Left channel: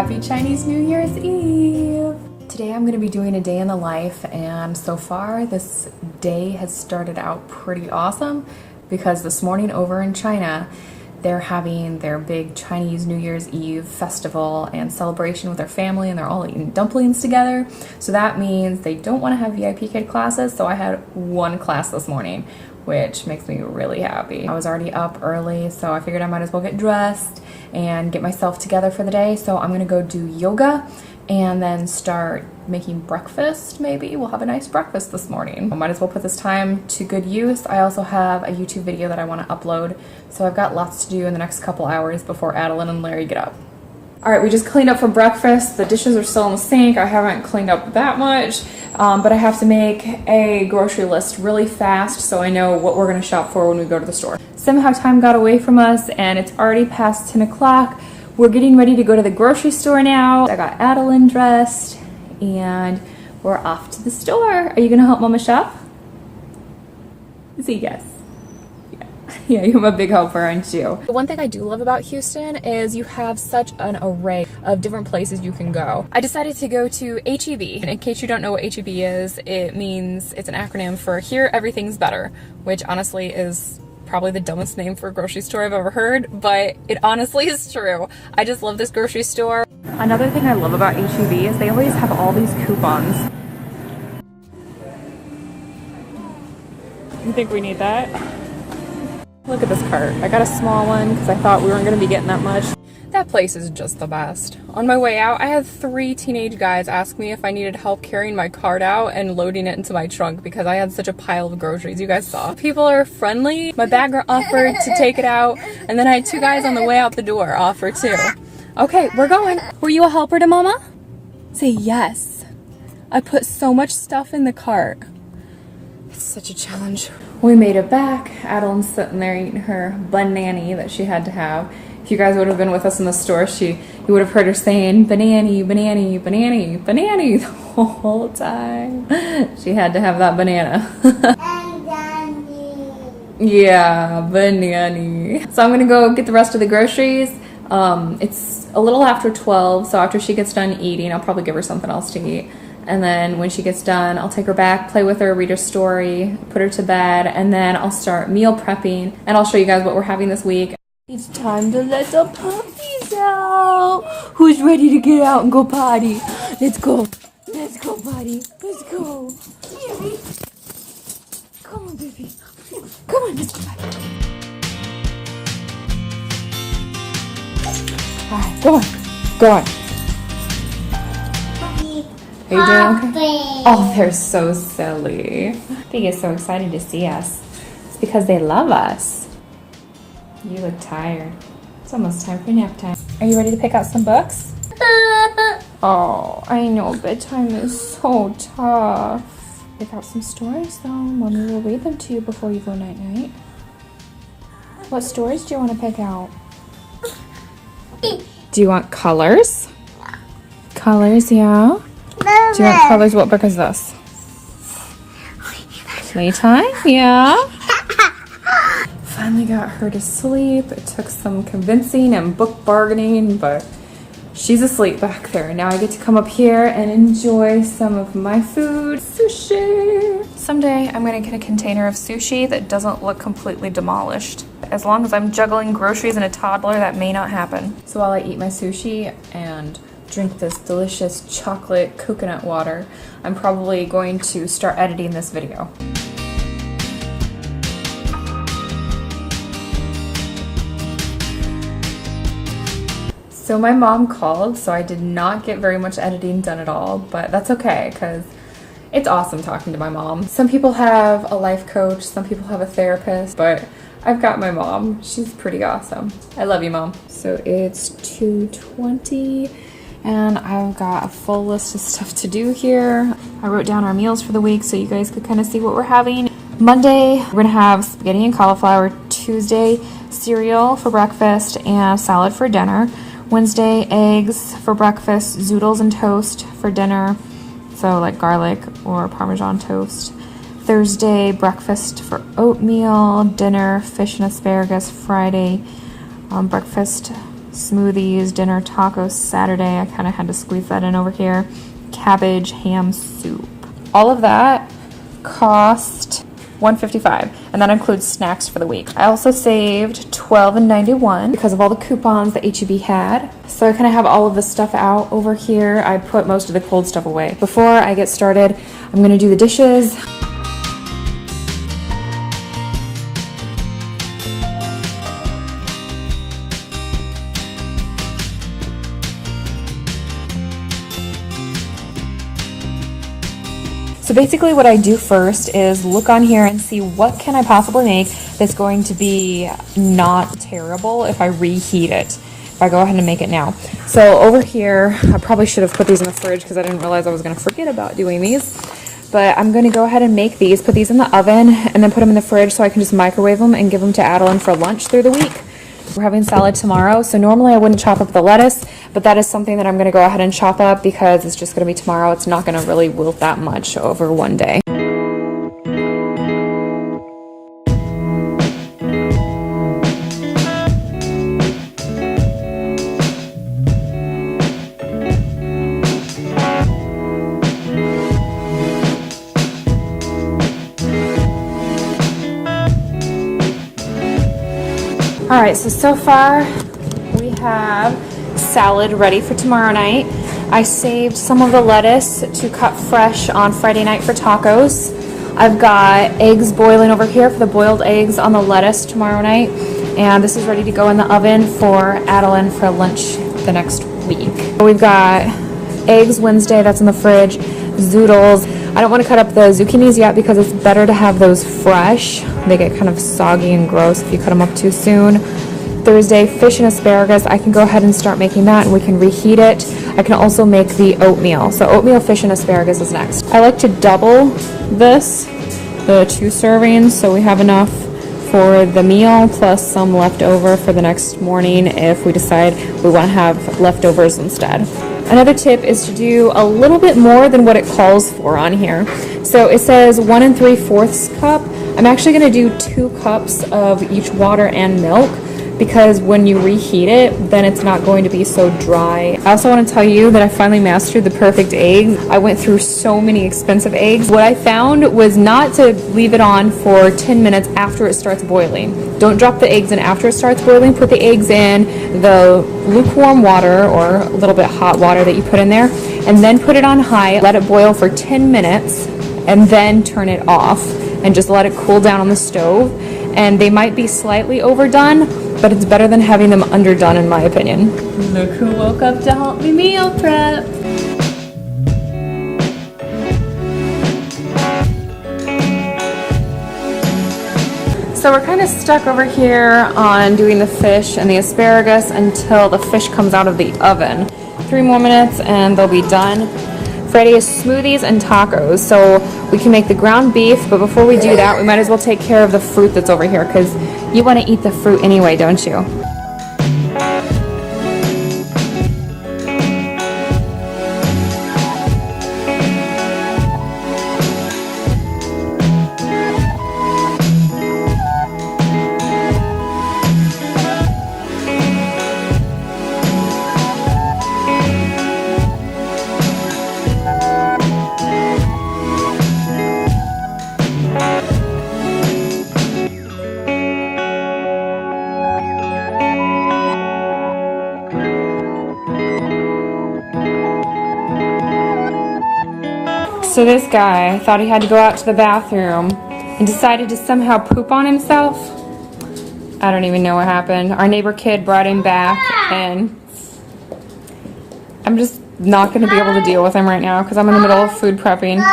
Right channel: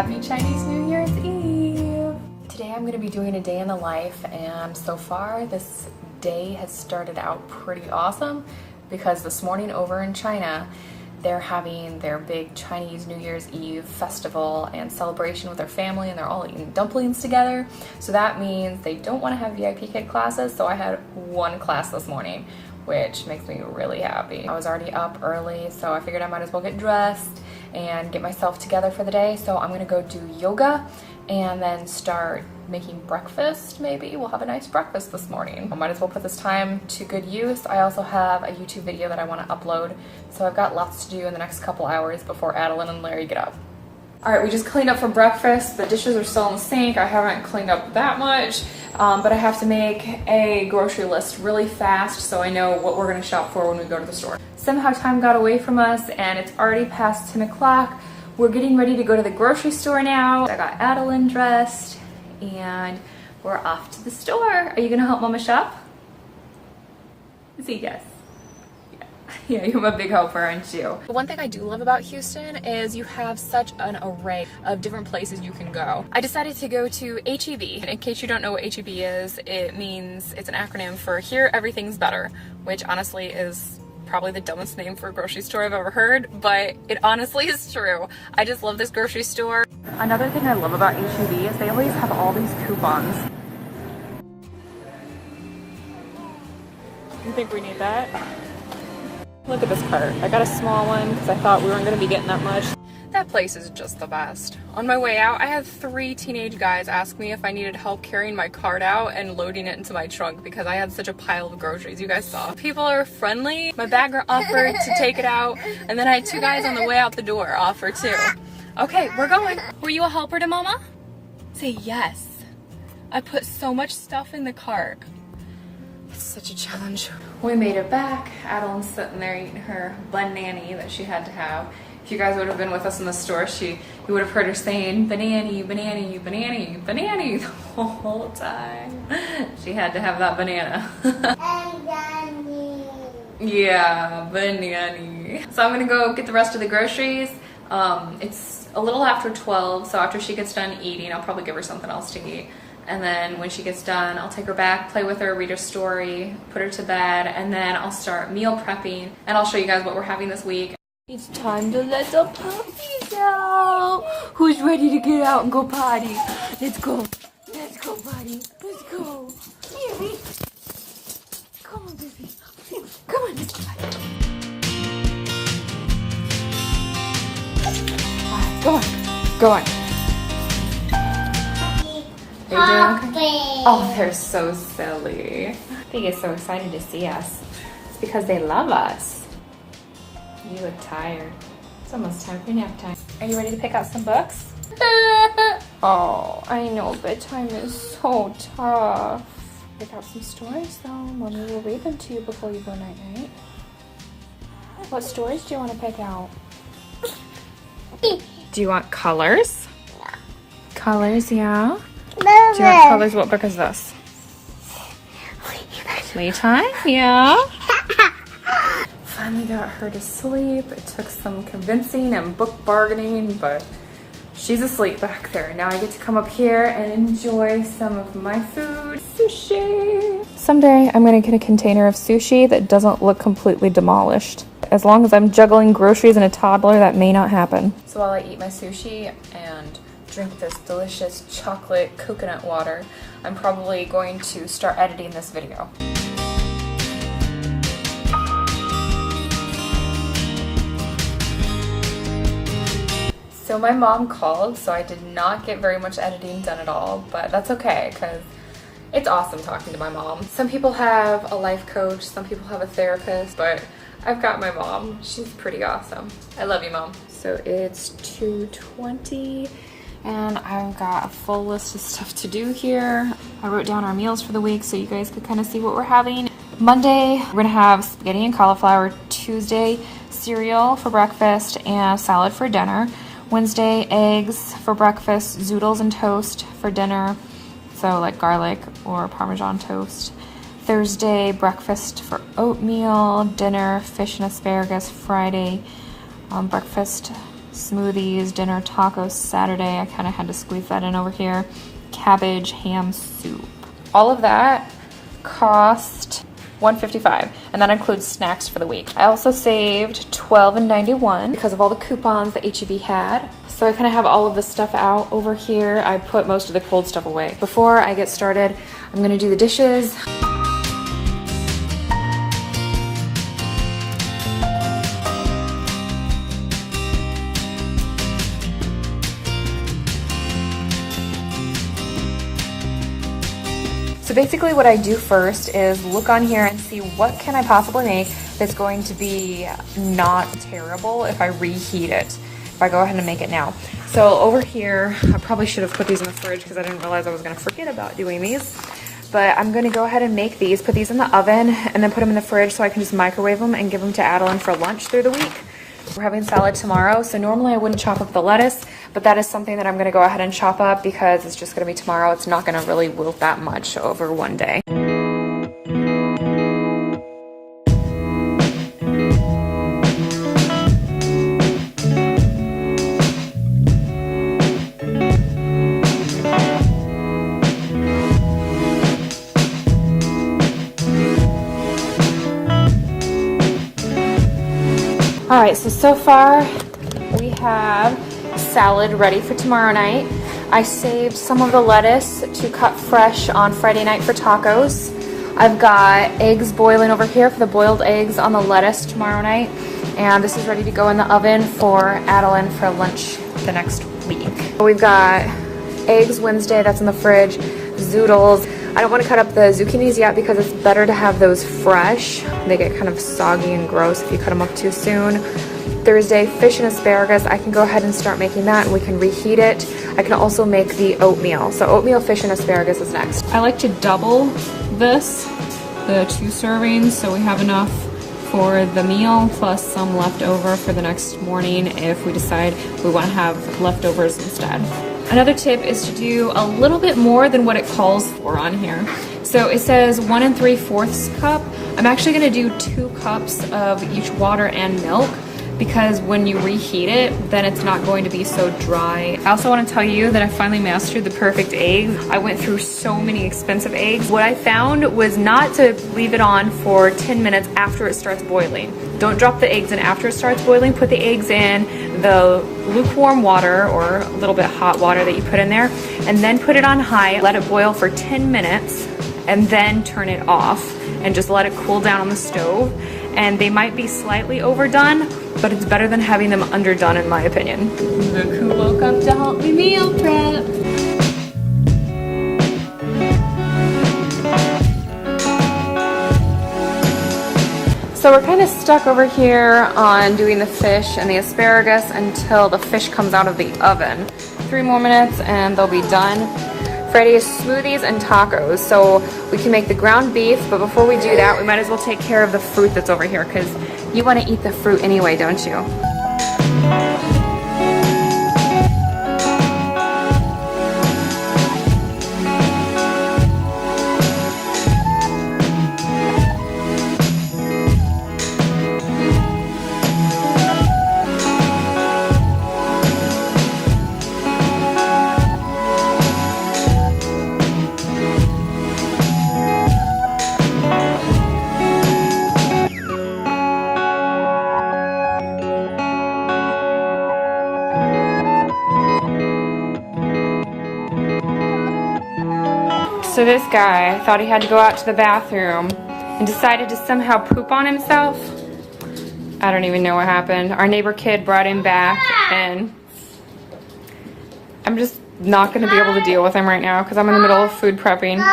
Happy Chinese New Year's Eve! Today I'm going to be doing a day in the life, and so far this day has started out pretty awesome because this morning over in China they're having their big Chinese New Year's Eve festival and celebration with their family, and they're all eating dumplings together. So that means they don't want to have VIP kid classes, so I had one class this morning, which makes me really happy. I was already up early, so I figured I might as well get dressed and get myself together for the day. So I'm gonna go do yoga and then start making breakfast. Maybe we'll have a nice breakfast this morning. I might as well put this time to good use. I also have a YouTube video that I want to upload, so I've got lots to do in the next couple hours before Adeline and Larry get up. All right, we just cleaned up for breakfast. The dishes are still in the sink. I haven't cleaned up that much, but I have to make a grocery list really fast so I know what we're gonna shop for when we go to the store. Somehow time got away from us and it's already past 10 o'clock. We're getting ready to go to the grocery store now. I got Adeline dressed and we're off to the store. Are you gonna help Mama shop? See, yes. Yeah, you're a big helper, aren't you? One thing I do love about Houston is you have such an array of different places you can go. I decided to go to H-E-B. In case you don't know what H-E-B is, it means, it's an acronym for Here Everything's Better, which honestly is probably the dumbest name for a grocery store I've ever heard, but it honestly is true. I just love this grocery store. Another thing I love about H-E-B is they always have all these coupons. You think we need that? Look at this cart. I got a small one because I thought we weren't going to be getting that much. That place is just the best. On my way out, I had 3 teenage guys ask me if I needed help carrying my cart out and loading it into my trunk because I had such a pile of groceries. You guys saw. People are friendly. My bagger offered to take it out, and then I had 2 guys on the way out the door offer too. Okay, we're going. Were you a helper to Mama? Say yes. I put so much stuff in the cart. It's such a challenge. We made it back. Adeline's sitting there eating her banana that she had to have. If you guys would have been with us in the store, you would have heard her saying banana, banana, banana, banana the whole time. She had to have that banana. Yeah, banana. So I'm gonna go get the rest of the groceries. It's a little after 12, so after she gets done eating, I'll probably give her something else to eat. And then when she gets done, I'll take her back, play with her, read her story, put her to bed, and then I'll start meal prepping, and I'll show you guys what we're having this week. It's time to let the puppies out. Who's ready to get out and go potty? Let's go. Let's go, potty. Let's go. Yeah. Come on, baby. Come on, let's go potty. All right, go on. Go on. Are you doing okay? Oh, they're so silly. They get so excited to see us. It's because they love us. You look tired. It's almost time for nap time. Are you ready to pick out some books? Oh, I know bedtime is so tough. Pick out some stories though. Mommy will read them to you before you go night-night. What stories do you want to pick out? Do you want colors? Colors, yeah. Do you want colors? What book is this? Playtime? Yeah. Finally got her to sleep. It took some convincing and book bargaining, but she's asleep back there. Now I get to come up here and enjoy some of my food. Sushi. Someday I'm gonna get a container of sushi that doesn't look completely demolished. As long as I'm juggling groceries and a toddler, that may not happen. So while I eat my sushi and drink this delicious chocolate coconut water, I'm probably going to start editing this video. So my mom called, so I did not get very much editing done at all, but that's okay because it's awesome talking to my mom. Some people have a life coach, some people have a therapist, but I've got my mom. She's pretty awesome. I love you, Mom. So it's 2:20. And I've got a full list of stuff to do here. I wrote down our meals for the week so you guys could kind of see what we're having. Monday, we're gonna have spaghetti and cauliflower. Tuesday, cereal for breakfast and salad for dinner. Wednesday, eggs for breakfast, zoodles and toast for dinner. So like garlic or Parmesan toast. Thursday, breakfast for oatmeal. Dinner, fish and asparagus. Friday, breakfast, smoothies, dinner, tacos Saturday. I kind of had to squeeze that in over here. Cabbage, ham soup. All of that cost $1.55, and that includes snacks for the week. I also saved $12.91 because of all the coupons that HEB had. So I kind of have all of the stuff out over here. I put most of the cold stuff away. Before I get started, I'm gonna do the dishes. So basically what I do first is look on here and see what can I possibly make that's going to be not terrible if I reheat it, if I go ahead and make it now. So over here, I probably should have put these in the fridge because I didn't realize I was going to forget about doing these. But I'm going to go ahead and make these, put these in the oven, and then put them in the fridge so I can just microwave them and give them to Adeline for lunch through the week. We're having salad tomorrow, so normally I wouldn't chop up the lettuce, but that is something that I'm going to go ahead and chop up because it's just going to be tomorrow. It's not going to really wilt that much over one day. All right, so far we have salad ready for tomorrow night. I saved some of the lettuce to cut fresh on Friday night for tacos. I've got eggs boiling over here for the boiled eggs on the lettuce tomorrow night. And this is ready to go in the oven for Adeline for lunch the next week. We've got eggs Wednesday, that's in the fridge, zoodles. I don't want to cut up the zucchinis yet because it's better to have those fresh. They get kind of soggy and gross if you cut them up too soon. Thursday, fish and asparagus. I can go ahead and start making that and we can reheat it. I can also make the oatmeal. So oatmeal, fish, and asparagus is next. I like to double this, the 2 servings, so we have enough for the meal plus some left over for the next morning if we decide we want to have leftovers instead. Another tip is to do a little bit more than what it calls for on here. So it says 1 3/4 cup. I'm actually going to do 2 cups of each water and milk because when you reheat it, then it's not going to be so dry. I also want to tell you that I finally mastered the perfect egg. I went through so many expensive eggs. What I found was not to leave it on for 10 minutes after it starts boiling. Don't drop the eggs in after it starts boiling. Put the eggs in the lukewarm water or a little bit hot water that you put in there, and then put it on high. Let it boil for 10 minutes, and then turn it off, and just let it cool down on the stove. And they might be slightly overdone, but it's better than having them underdone in my opinion. Look who woke up to help me meal prep. So we're kind of stuck over here on doing the fish and the asparagus until the fish comes out of the oven. 3 more minutes and they'll be done. Friday is smoothies and tacos, so we can make the ground beef, but before we do that, we might as well take care of the fruit that's over here, because you want to eat the fruit anyway, don't you? So this guy thought he had to go out to the bathroom and decided to somehow poop on himself. I don't even know what happened. Our neighbor kid brought him back, and I'm just not going to be able to deal with him right now because I'm in the middle of food prepping.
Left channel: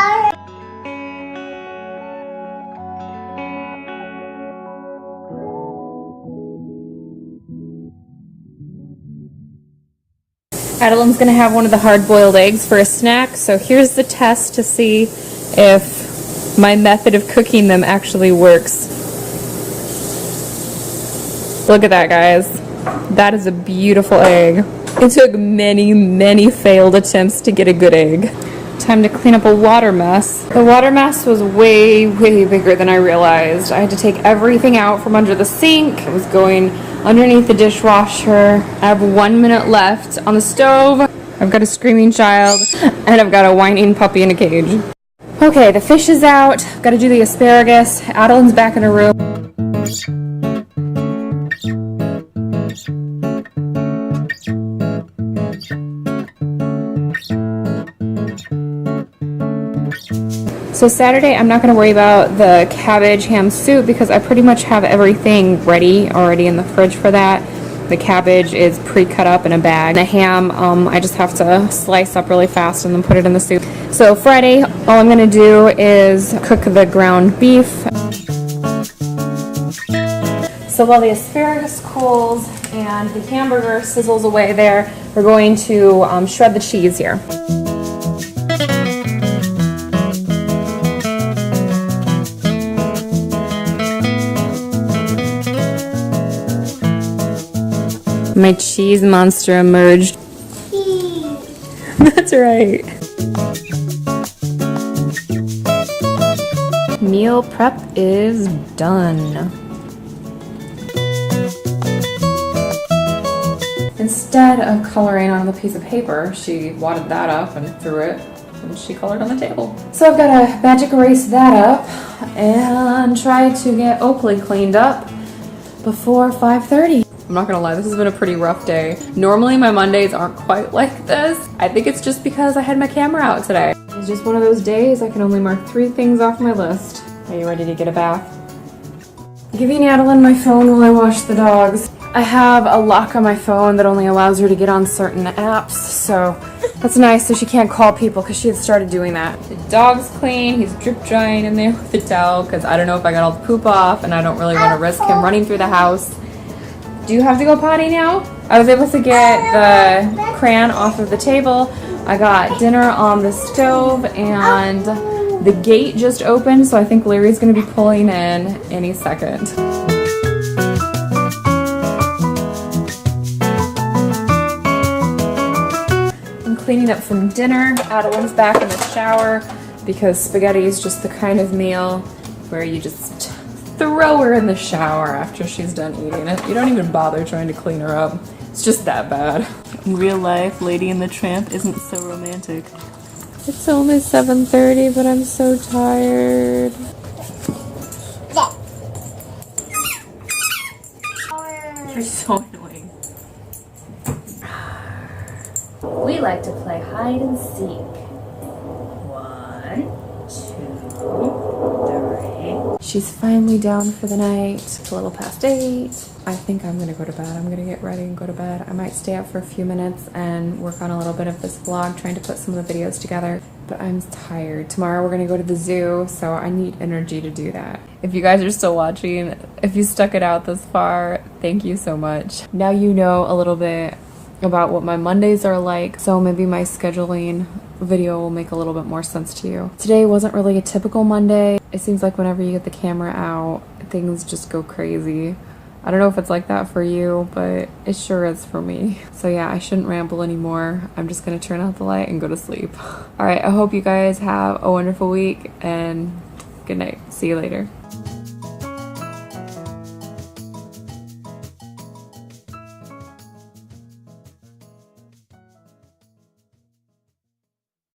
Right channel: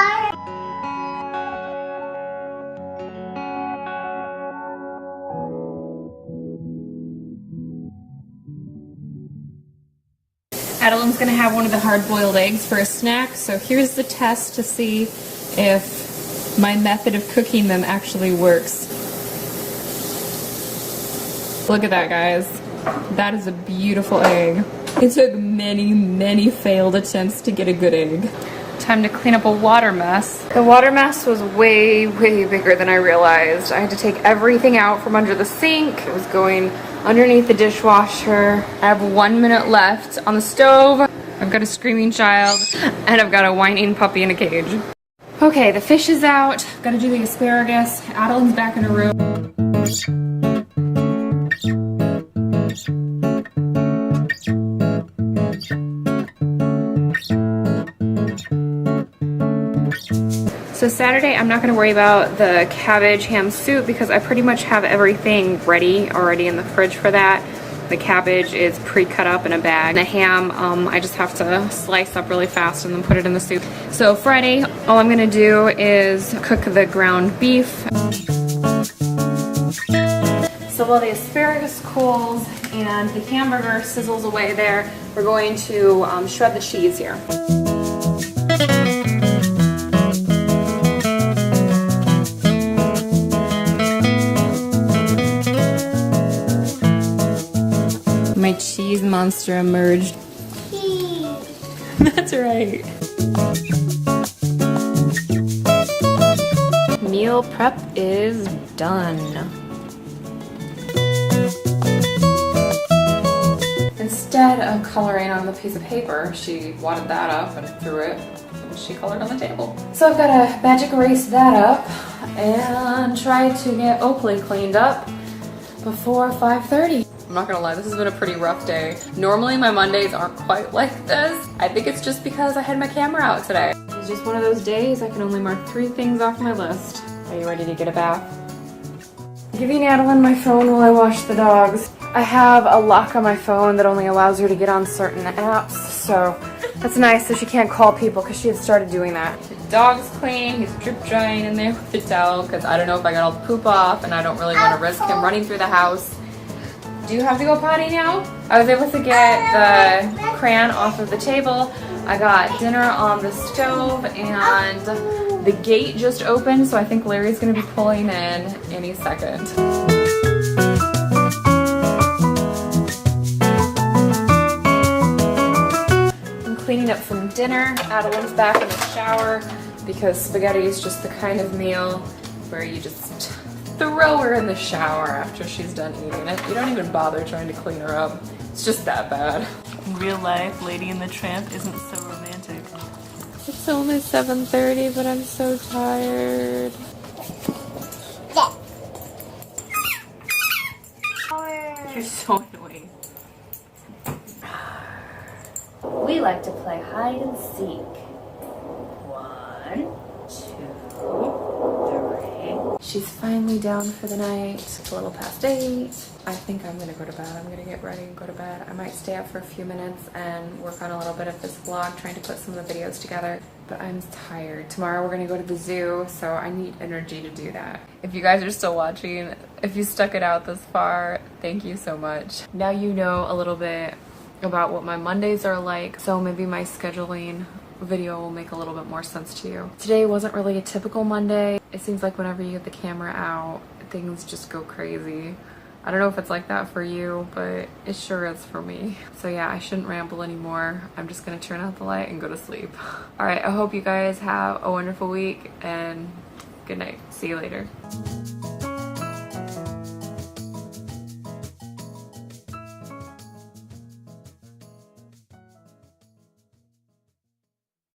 Adeline's gonna have one of the hard-boiled eggs for a snack, so here's the test to see if my method of cooking them actually works. Look at that, guys. That is a beautiful egg. It took many, many failed attempts to get a good egg. time to clean up a water mess. The water mess was way, way bigger than I realized. I had to take everything out from under the sink. It was going underneath the dishwasher. I have 1 minute left on the stove. I've got a screaming child, and I've got a whining puppy in a cage. Okay, the fish is out. I've got to do the asparagus. Adeline's back in her room. So Saturday, I'm not going to worry about the cabbage ham soup because I pretty much have everything ready already in the fridge for that. The cabbage is pre-cut up in a bag. The ham, I just have to slice up really fast and then put it in the soup. So Friday, all I'm going to do is cook the ground beef. So while the asparagus cools and the hamburger sizzles away there, we're going to shred the cheese here. My cheese monster emerged. That's right. Meal prep is done. Instead of coloring on the piece of paper, she wadded that up and threw it, and she colored on the table. So I've got to magic erase that up and try to get Oakley cleaned up before 5:30. I'm not gonna lie, this has been a pretty rough day. Normally my Mondays aren't quite like this. I think it's just because I had my camera out today. It's just one of those days I can only mark 3 things off my list. Are you ready to get a bath? I'm giving Adeline my phone while I wash the dogs. I have a lock on my phone that only allows her to get on certain apps, so that's nice, so she can't call people because she had started doing that. The dog's clean, he's drip drying in there with the towel because I don't know if I got all the poop off and I don't really want to risk him running through the house. Do you have to go potty now? I was able to get the crayon off of the table. I got dinner on the stove and the gate just opened, so I think Larry's gonna be pulling in any second. I'm cleaning up from dinner. Adeline's back in the shower because spaghetti is just the kind of meal where you just throw her in the shower after she's done eating it. You don't even bother trying to clean her up. It's just that bad. In real life, Lady and the Tramp isn't so romantic. It's only 7:30, but I'm so tired. You're so annoying. We like to play hide and seek. 1, 2, 3. She's finally down for the night. It's a little past 8. I think I'm gonna go to bed. I'm gonna get ready and go to bed. I might stay up for a few minutes and work on a little bit of this vlog, trying to put some of the videos together. But I'm tired. Tomorrow we're gonna go to the zoo, so I need energy to do that. If you guys are still watching, if you stuck it out this far, thank you so much. Now you know a little bit about what my Mondays are like, so maybe my scheduling video will make a little bit more sense to you. Today wasn't really a typical Monday. It seems like whenever you get the camera out, things just go crazy. I don't know if it's like that for you, but it sure is for me. So yeah, I shouldn't ramble anymore. I'm just gonna turn out the light and go to sleep. All right, I hope you guys have a wonderful week and good night. See you later.